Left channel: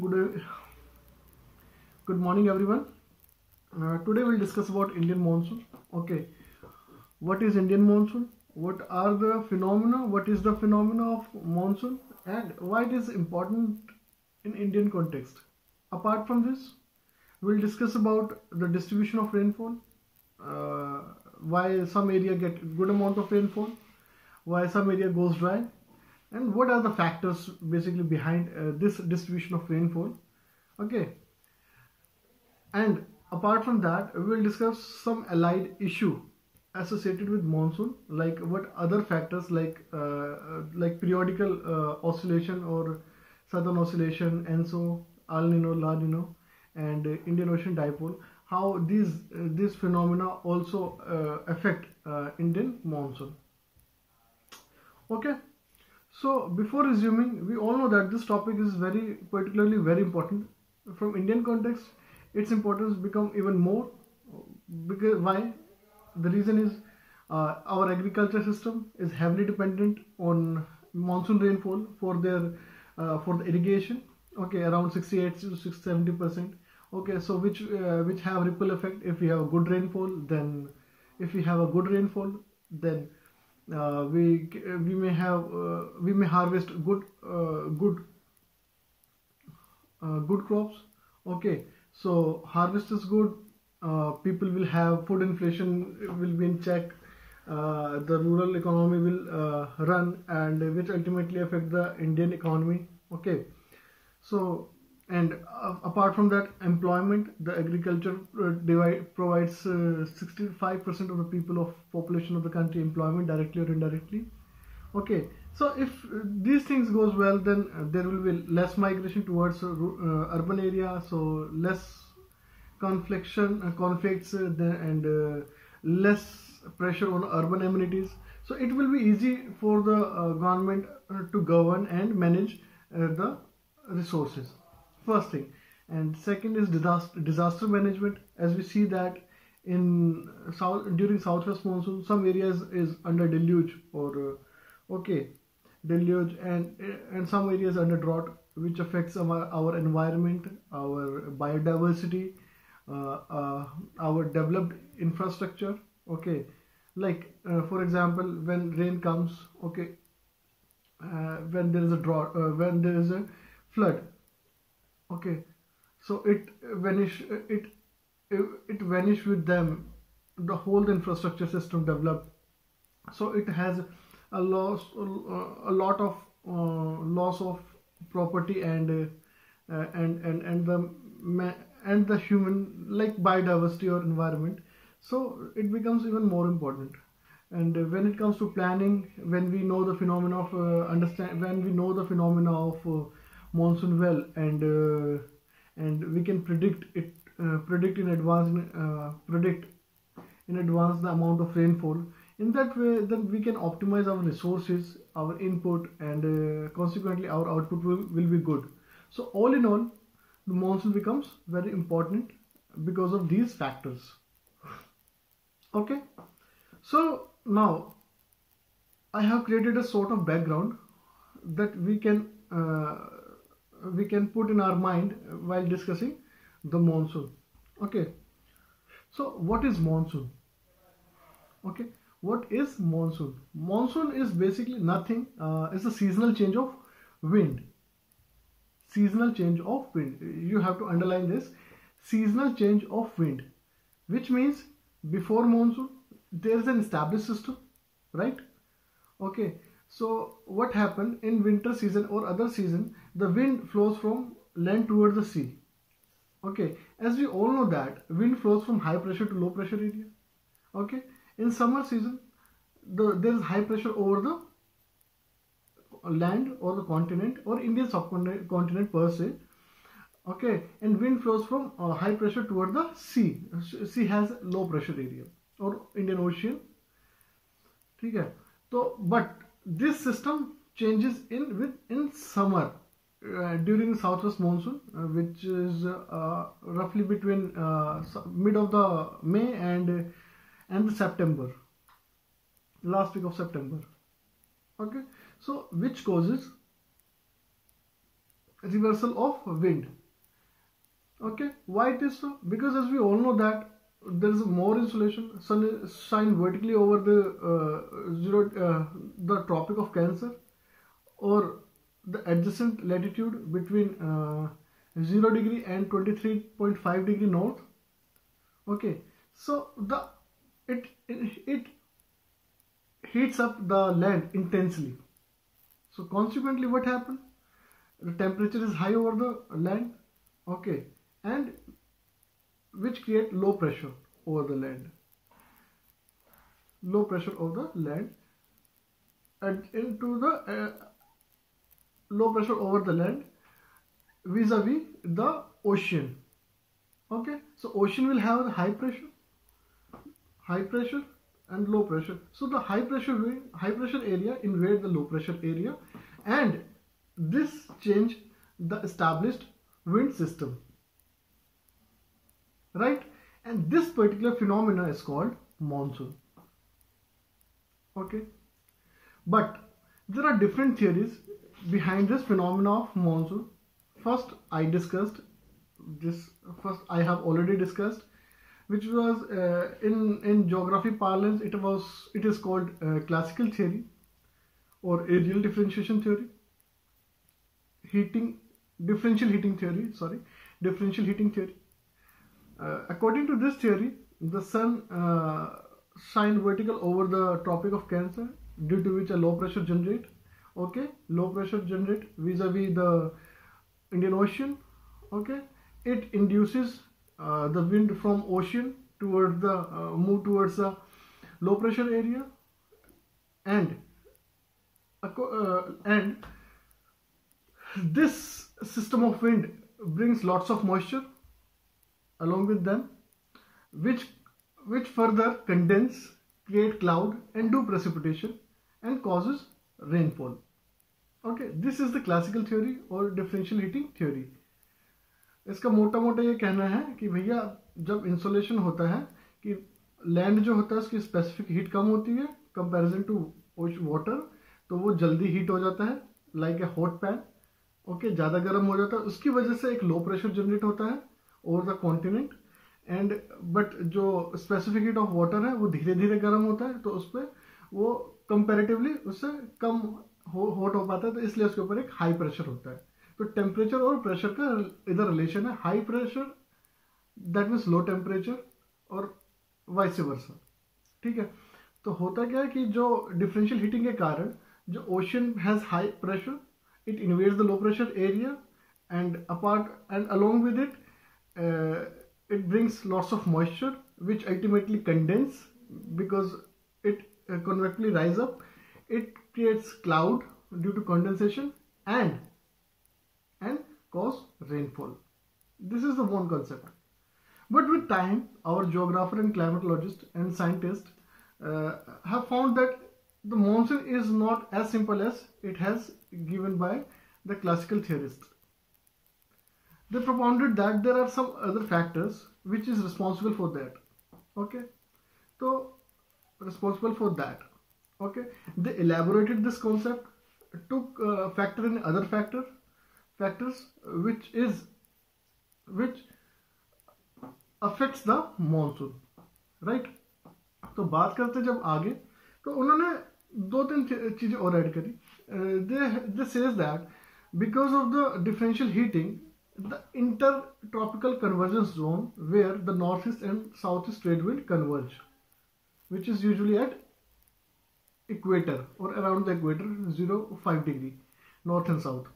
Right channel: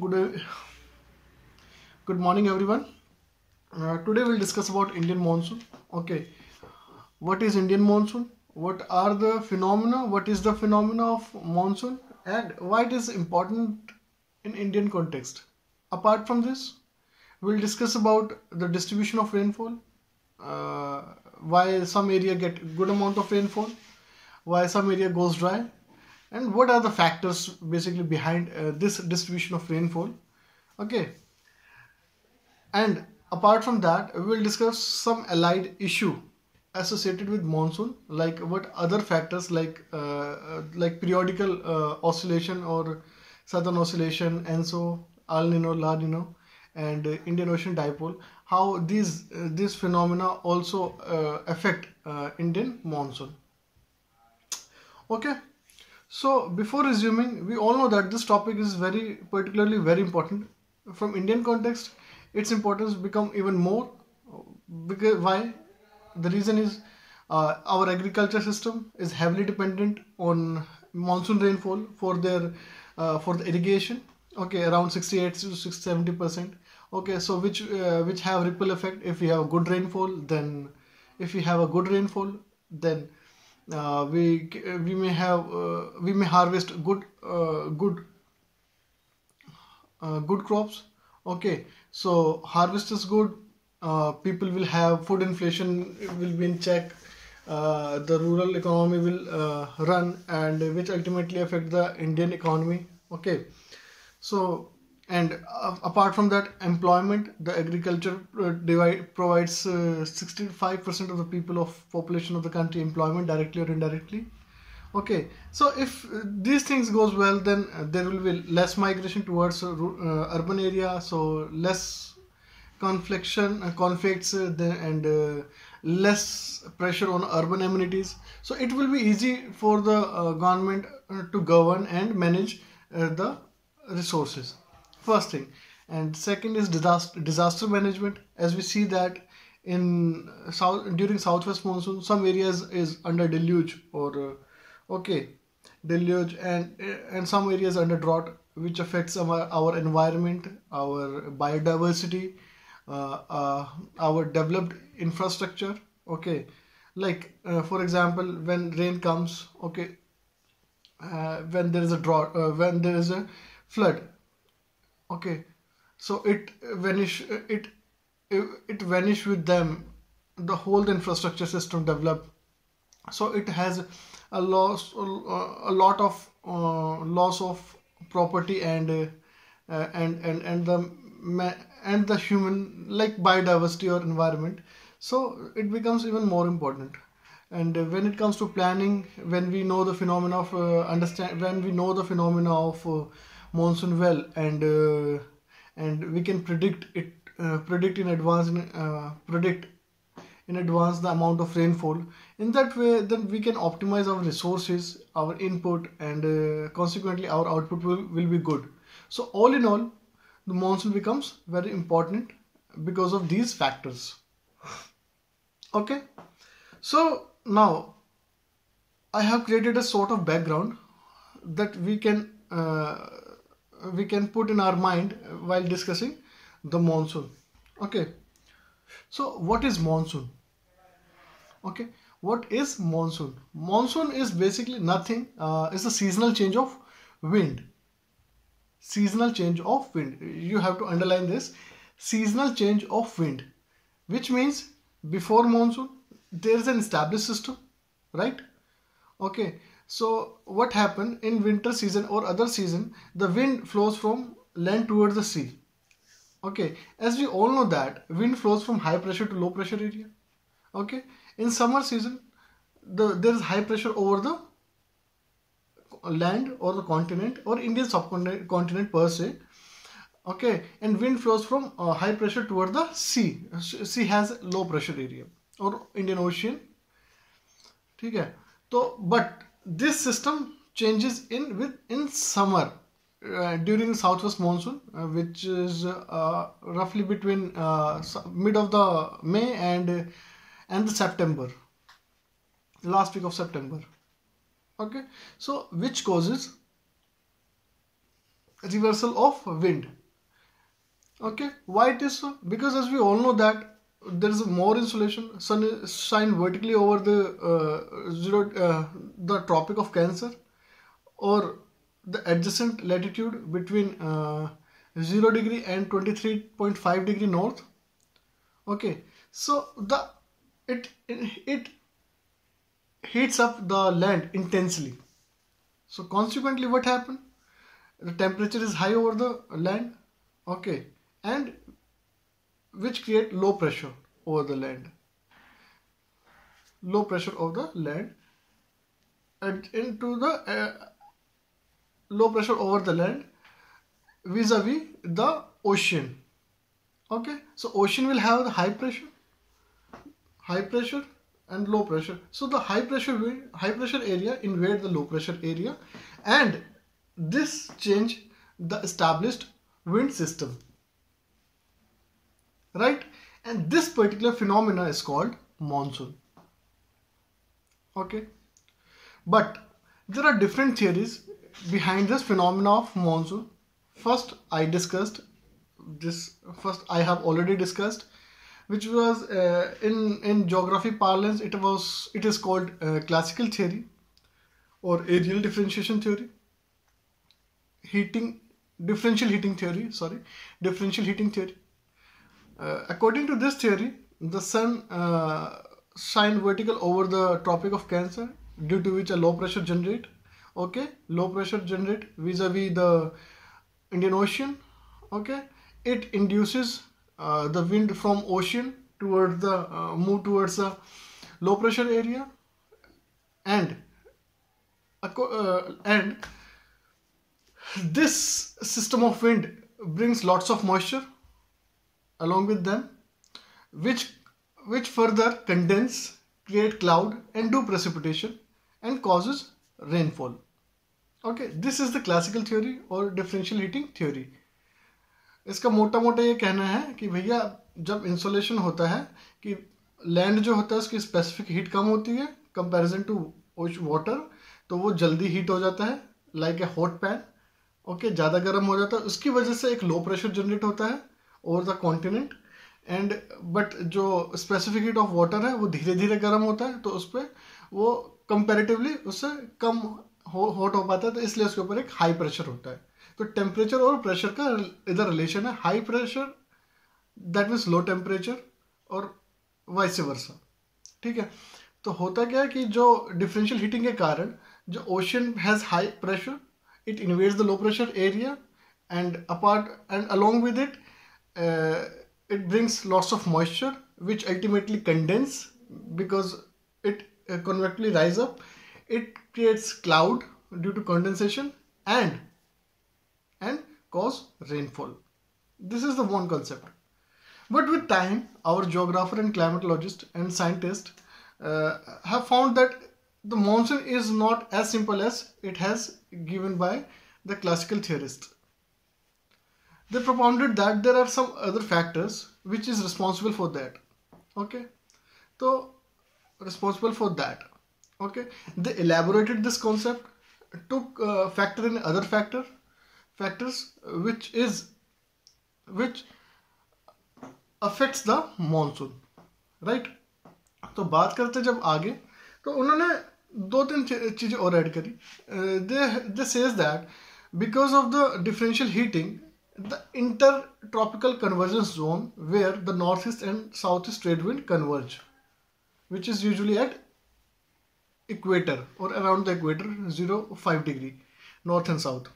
Good, good morning, everyone. Today we'll discuss about Indian monsoon. Okay, what is Indian monsoon? What are the phenomena? What is the phenomena of monsoon, and why it is important in Indian context? Apart from this, we'll discuss about the distribution of rainfall, uh, why some area get good amount of rainfall, why some area goes dry, and what are the factors basically behind this distribution of rainfall. Okay, and apart from that, we will discuss some allied issue associated with monsoon, like what other factors like periodical oscillation or southern oscillation, ENSO, El Nino, La Nino, and Indian Ocean dipole. How these phenomena also affect Indian monsoon. Okay. So before resuming, we all know that this topic is very particularly very important. From Indian context, its importance become even more because why? The reason is our agriculture system is heavily dependent on monsoon rainfall for the irrigation. Okay, around 68 to 70%. Okay, so which have ripple effect. If we have a good rainfall, then if we have a good rainfall, then we may harvest good crops. Okay, so harvest is good. People will have food, inflation will be in check. The rural economy will run, and which ultimately affect the Indian economy. Okay, so and apart from that, employment, the agriculture provides 65% of the people of population of the country employment directly or indirectly. Okay, so if these things goes well, then there will be less migration towards urban area, so less conflicts, and less pressure on urban amenities. So it will be easy for the government to govern and manage the resources. First thing, and second is disaster management. As we see that in south during southwest monsoon, some areas is under deluge or okay, deluge, and some areas under drought, which affects our environment, our biodiversity, our developed infrastructure. Okay, like for example, when rain comes, okay, when there is a drought, when there is a flood, okay, so it vanish with them, the whole infrastructure system developed. So it has a lot of loss of property and and the human, like biodiversity or environment. So it becomes even more important. And when it comes to planning, when we know the phenomena of understand when we know the phenomena of monsoon well, and we can predict in advance, predict in advance the amount of rainfall. In that way, then we can optimize our resources, our input, and consequently our output will be good. So all in all, the monsoon becomes very important because of these factors. Okay, so now I have created a sort of background that we can put in our mind while discussing the monsoon. Okay, so what is monsoon? Okay, what is monsoon? Monsoon is basically nothing. It's a seasonal change of wind. Seasonal change of wind. You have to underline this. Seasonal change of wind, which means before monsoon there is an established system, right? Okay. So what happened in winter season or other season? The wind flows from land towards the sea. Okay. As we all know that wind flows from high pressure to low pressure area. Okay, in summer season, there is high pressure over the land or the continent or Indian subcontinent per se. Okay, and wind flows from high pressure toward the sea. Sea has low pressure area or Indian Ocean. Okay, so but this system changes in summer during southwest monsoon, which is roughly between mid of the May and the September, last week of September. Okay, so which causes reversal of wind. Okay, why it is so? Because as we all know that there is more insolation, sun is shine vertically over the the Tropic of Cancer, or the adjacent latitude between 0 degree and 23.5 degree north. Okay, so it heats up the land intensely. So consequently, what happened? The temperature is high over the land. Okay, and which create low pressure over the land. Low pressure over the land and into the low pressure over the land vis-a-vis the ocean. Okay, so ocean will have the high pressure and low pressure. So the high pressure area invade the low pressure area, and this change the established wind system, right? And this particular phenomena is called monsoon. Okay, but there are different theories behind this phenomena of monsoon. First I discussed this, first I have already discussed, which was in geography parlance it is called classical theory or areal differentiation theory, differential heating theory. According to this theory, the sun shine vertical over the Tropic of Cancer, due to which a low pressure generate. Okay, low pressure generate vis-a-vis the Indian Ocean. Okay, it induces the wind from ocean towards the move towards the low pressure area, and this system of wind brings lots of moisture along with them, which further condense, create cloud and do precipitation and causes rainfall. Okay, this is the classical theory or differential heating theory. इसका मोटा मोटा ये कहना है कि भैया जब insolation होता है कि लैंड जो होता है उसकी स्पेसिफिक हीट कम होती है कंपैरिजन टू वाटर, तो वो जल्दी हीट हो जाता है like a hot pan. Okay, ज़्यादा गर्म हो जाता है, उसकी वजह से एक लो प्रेशर जनरेट होता है over the continent. And but जो स्पेसिफिक हीट ऑफ वाटर है वो धीरे धीरे गर्म होता है, तो उस पर वो कंपैरेटिवली उससे कम हॉट हो पाता है, तो इसलिए उसके ऊपर एक हाई प्रेशर होता है. तो टेम्परेचर और प्रेशर का इधर रिलेशन है. High pressure that means low temperature और वाइस वर्सा. ठीक है, तो होता क्या है कि जो डिफरेंशियल हीटिंग के कारण जो ocean has high pressure, it invades the low pressure area, and along with it it brings lots of moisture which ultimately condense because it convectively rise up. It creates cloud due to condensation and cause rainfall. This is the one concept. But with time, our geographer and climatologist and scientist have found that the monsoon is not as simple as it has given by the classical theorists. They propounded that there are some other factors which is responsible for that. Okay, so responsible for that. Okay, they elaborated this concept, took factor in other factors which affects the monsoon, right? तो बात करते जब आगे, तो उन्होंने दो तीन चीज़ें और ऐड करी. They says that because of the differential heating, the intertropical convergence zone where the northeast and southeast trade wind converge, which is usually at equator or around the equator 0-5 degree north and south.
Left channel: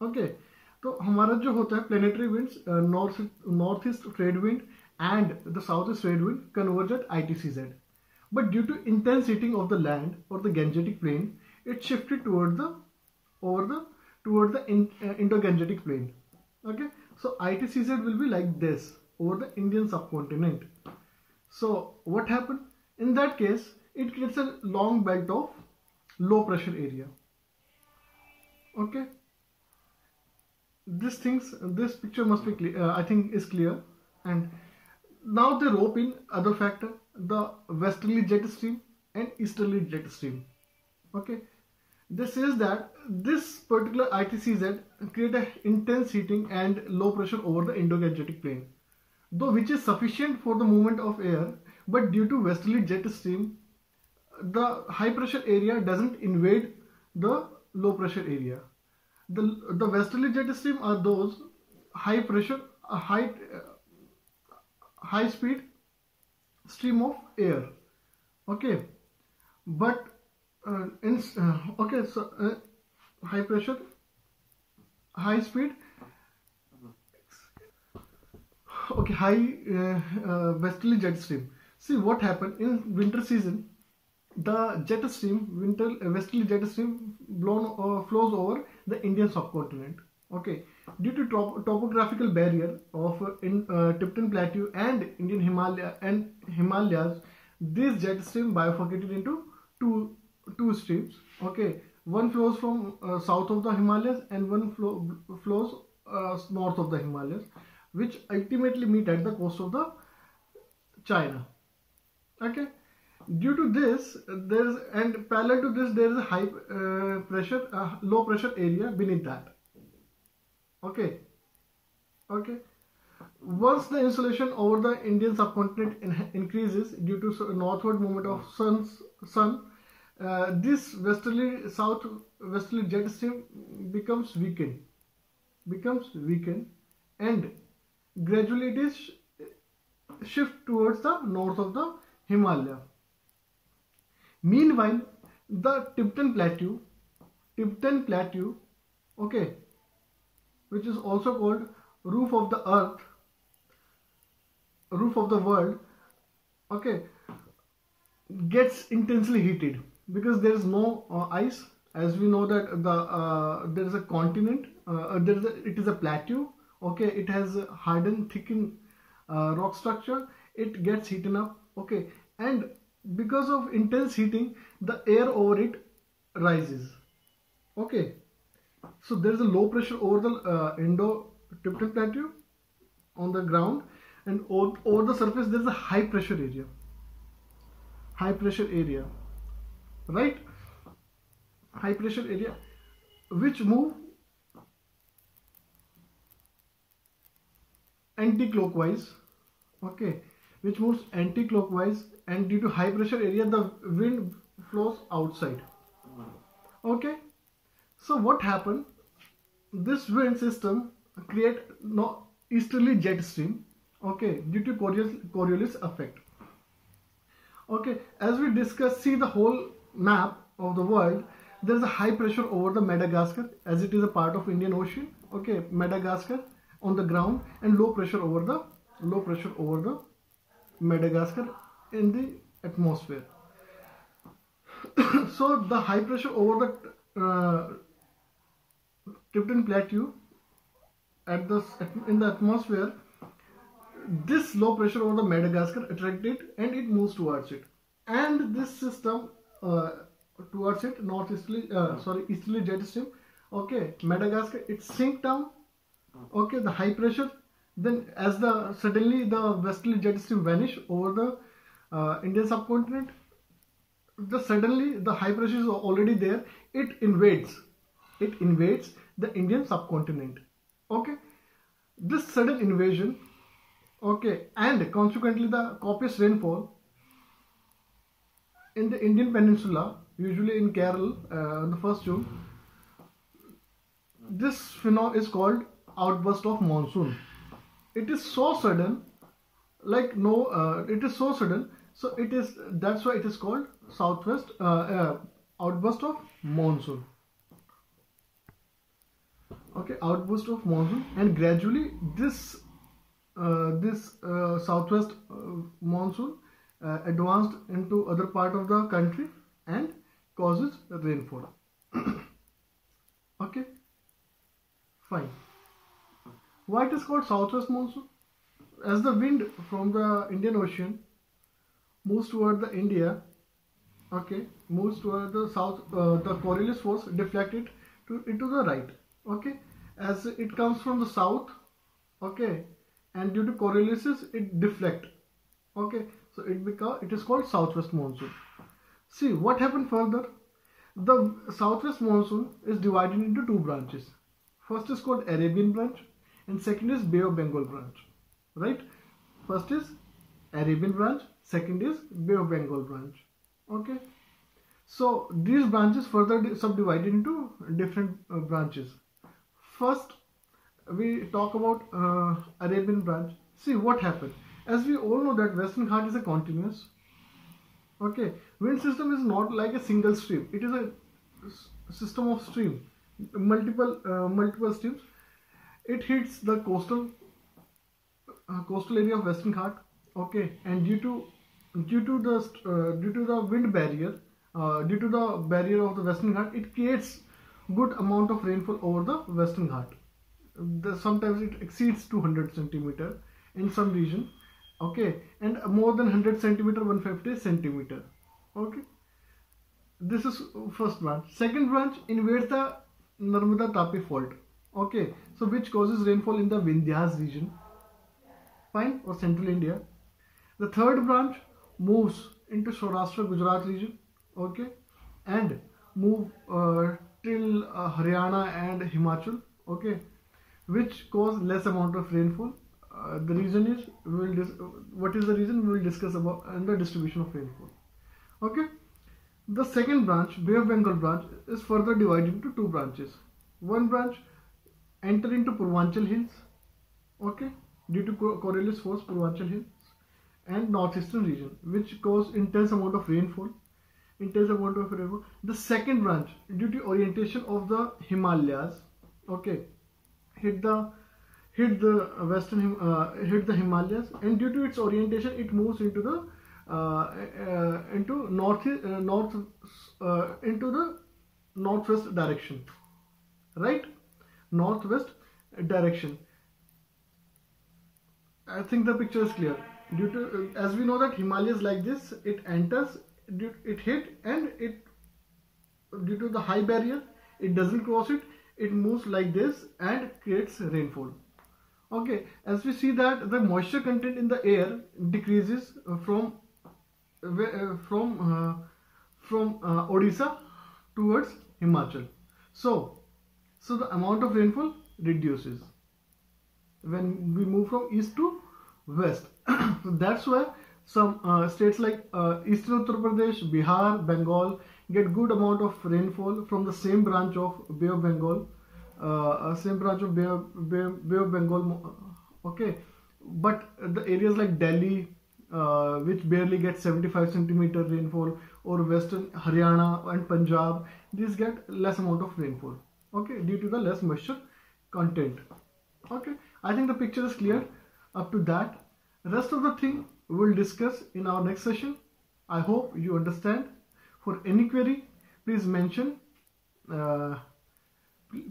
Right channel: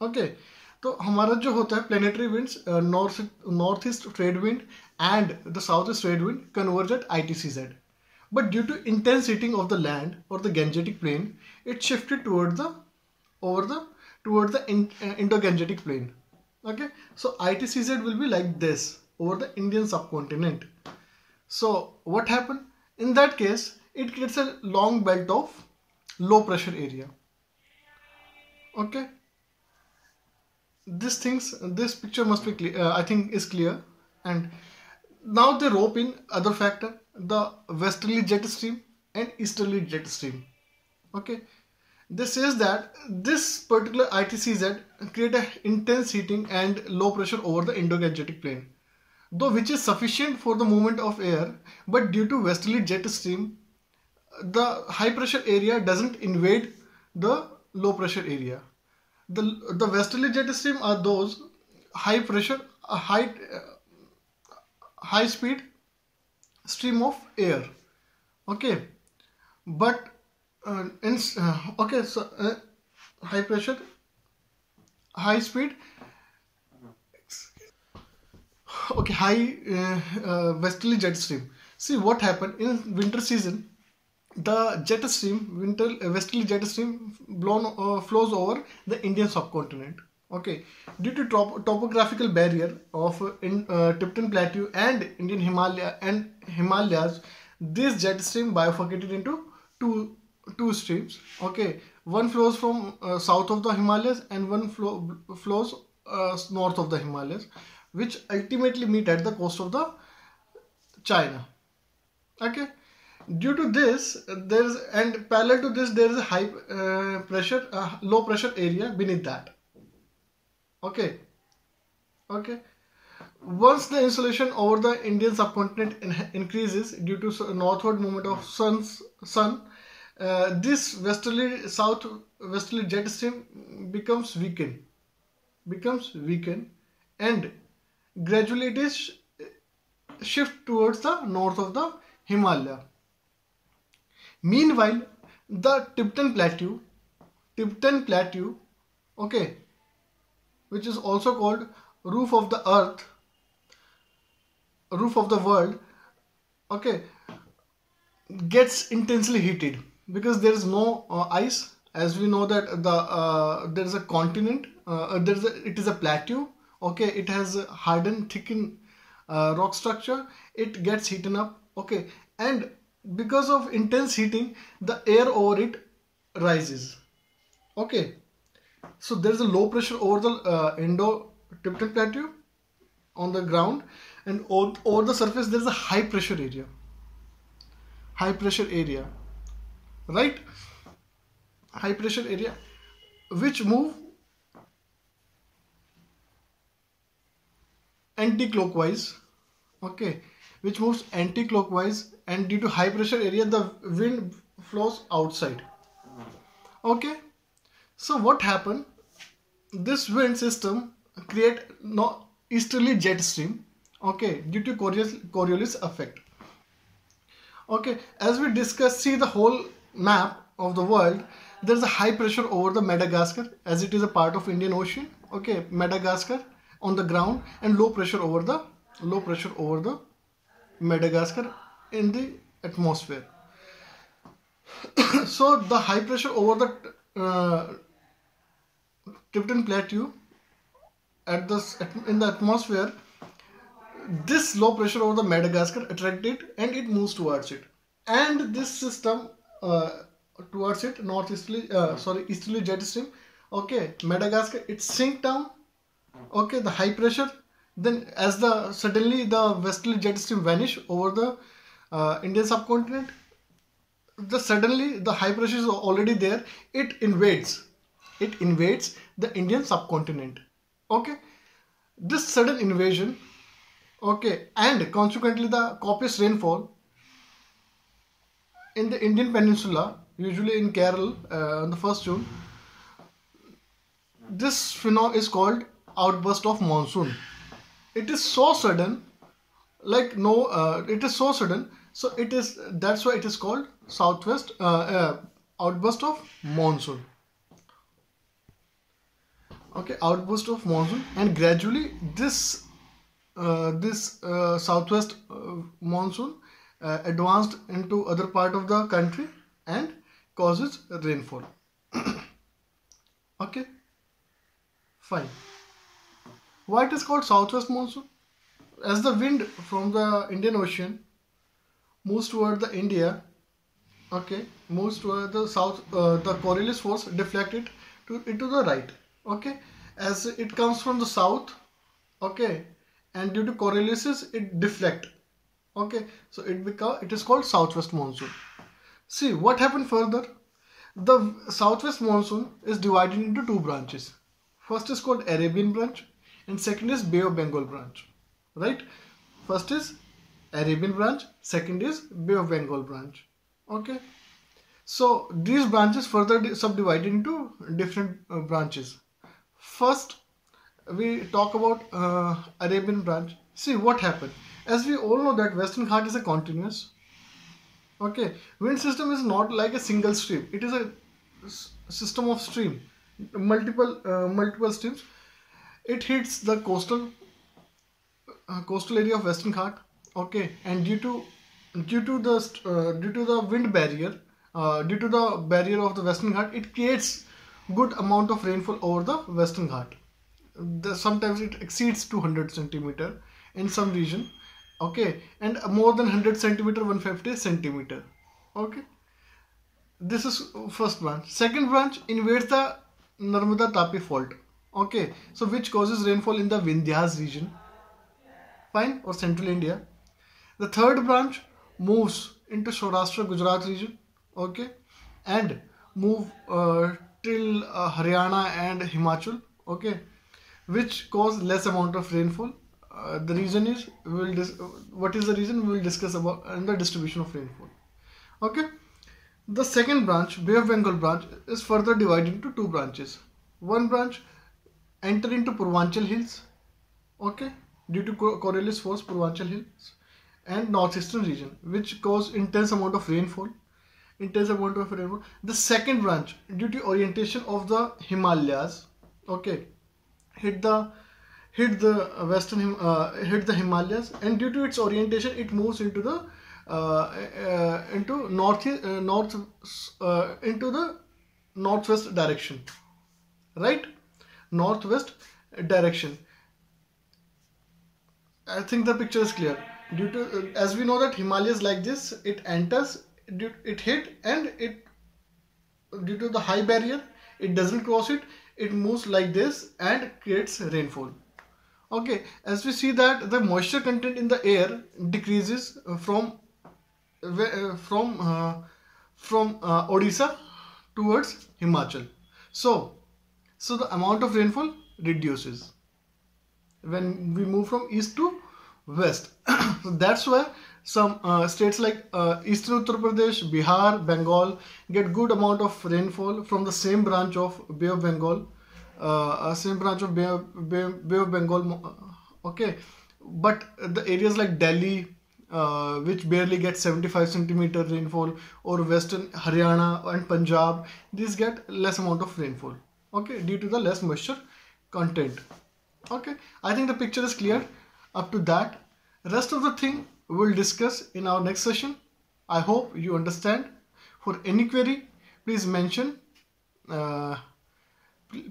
Okay, तो हमारा जो होता है planetary winds, northeast trade wind and the southeast trade wind converge at ITCZ. But due to intense heating of the land or the Gangetic plain, it shifted toward the Indo-Gangetic plain. Okay, so ITCZ will be like this over the Indian subcontinent. So what happened? In that case, it creates a long belt of low pressure area. Okay, this picture must be clear, I think is clear. And now they rope in other factor, the westerly jet stream and easterly jet stream. Okay, This says that this particular ITCZ create a intense heating and low pressure over the Indo-Gangetic plain, though which is sufficient for the movement of air, but due to westerly jet stream, the high pressure area doesn't invade the low pressure area. The westerly jet stream are those high pressure, high speed stream of air. Okay, but okay, so high pressure, high speed, okay, high westerly jet stream. See what happened in winter season. The jet stream, westerly jet stream flows over the Indian subcontinent. Okay, due to topographical barrier of Tibetan Plateau and Indian Himalayas, this jet stream bifurcated into two streams. Okay, one flows from south of the Himalayas and one flows north of the Himalayas, which ultimately meet at the coast of the China. Okay, due to this, and parallel to this, there is a high pressure, low pressure area beneath that. Okay, okay. Once the insolation over the Indian subcontinent increases due to northward movement of sun, this westerly jet stream becomes weakened, and gradually it is shift towards the north of the Himalaya. Meanwhile, the Tibetan Plateau, okay, which is also called roof of the earth, roof of the world, okay, gets intensely heated because there is no ice. As we know that there is a continent, it is a plateau. Okay, it has a hardened, thickened rock structure. It gets heated up. Okay, and because of intense heating, the air over it rises. Okay, so there is a low pressure over the Indo-Tibetan Plateau on the ground, and over the surface there is a high pressure area, right? High pressure area which move anti-clockwise. Okay, which moves anti-clockwise, and due to high pressure area the wind flows outside. Okay, so what happened, this wind system create no easterly jet stream. Okay, due to Coriolis effect. Okay, as we discussed, see the whole map of the world, there is a high pressure over the Madagascar, as it is a part of Indian Ocean. Okay, Madagascar on the ground, and low pressure over the Madagascar in the atmosphere. So the high pressure over the Tibetan Plateau in the atmosphere, this low pressure over the Madagascar attracts it and it moves towards it, and this system towards it easterly jet stream. Okay, Madagascar, it sink down. Okay, the high pressure, then as suddenly the westerly jet stream vanish over the Indian subcontinent, suddenly the high pressure is already there. It invades the Indian subcontinent. Okay, this sudden invasion, okay, and consequently the copious rainfall in the Indian peninsula, usually in Kerala on the 1st June, this phenomenon is called outburst of monsoon. It is so sudden, like no, it is so sudden, so it is, that's why it is called southwest outburst of monsoon. Okay, outburst of monsoon, and gradually this southwest monsoon advanced into other part of the country and causes rainfall. Okay, fine. Why it is called southwest monsoon? As the wind from the Indian Ocean moves toward the India, okay, moves toward the south, the Coriolis force deflect it into the right. Okay, as it comes from the south, okay, and due to Coriolis it deflect. Okay, so it is called southwest monsoon. See what happened further. The southwest monsoon is divided into two branches. First is called Arabian branch and second is Bay of Bengal branch, right? First is Arabian branch, second is Bay of Bengal branch. Okay, so these branches further subdivided into different branches. First we talk about Arabian branch. See what happened. As we all know that Western Ghat is a continuous. Okay, wind system is not like a single stream. It is a system of stream, multiple streams. It hits the coastal area of Western Ghat. Okay, and due to the wind barrier, due to the barrier of the Western Ghat, it creates good amount of rainfall over the Western Ghat. Sometimes it exceeds 200 centimeter in some region. Okay, and more than 100 centimeter, 150 centimeter. Okay, this is first branch. Second branch invades the Narmada Tapi fault. Okay, so which causes rainfall in the Vindhyas region, fine, or central India. The third branch moves into Saurashtra Gujarat region. Okay, and move till Haryana and Himachal. Okay, which cause less amount of rainfall. The reason is what is the reason we will discuss about in the distribution of rainfall. Okay, the second branch, Bay of Bengal branch, is further divided into two branches. One branch enter into Purvanchal hills, okay, due to Coriolis force, Purvanchal hills, and northeastern region, which cause intense amount of rainfall. The second branch, due to orientation of the Himalayas, okay, hit the Himalayas, and due to its orientation it moves into the northwest direction, right? Northwest direction. I think the picture is clear. Due to as we know that Himalayas like this, it enters, it hit, and it due to the high barrier, it doesn't cross it. It moves like this and creates rainfall. Okay, as we see that the moisture content in the air decreases from Odisha towards Himachal. So the amount of rainfall reduces when we move from east to west. So that's why some states like Eastern Uttar Pradesh, Bihar, Bengal get good amount of rainfall from the same branch of Bay of Bengal. Bay of Bengal, okay, but the areas like Delhi, which barely get 75 centimeter rainfall, or Western Haryana and Punjab, these get less amount of rainfall, okay, due to the less moisture content. Okay, I think the picture is clear up to that. Rest of the thing we will discuss in our next session. I hope you understand. For any query, please mention.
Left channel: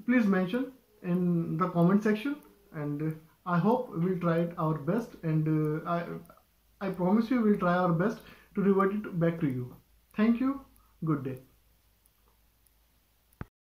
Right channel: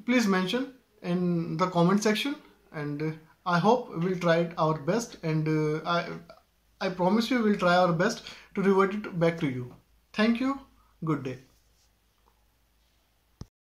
Please mention in the comment section, and I hope we'll try it our best, and I promise you we'll try our best to revert it back to you. Thank you. Good day.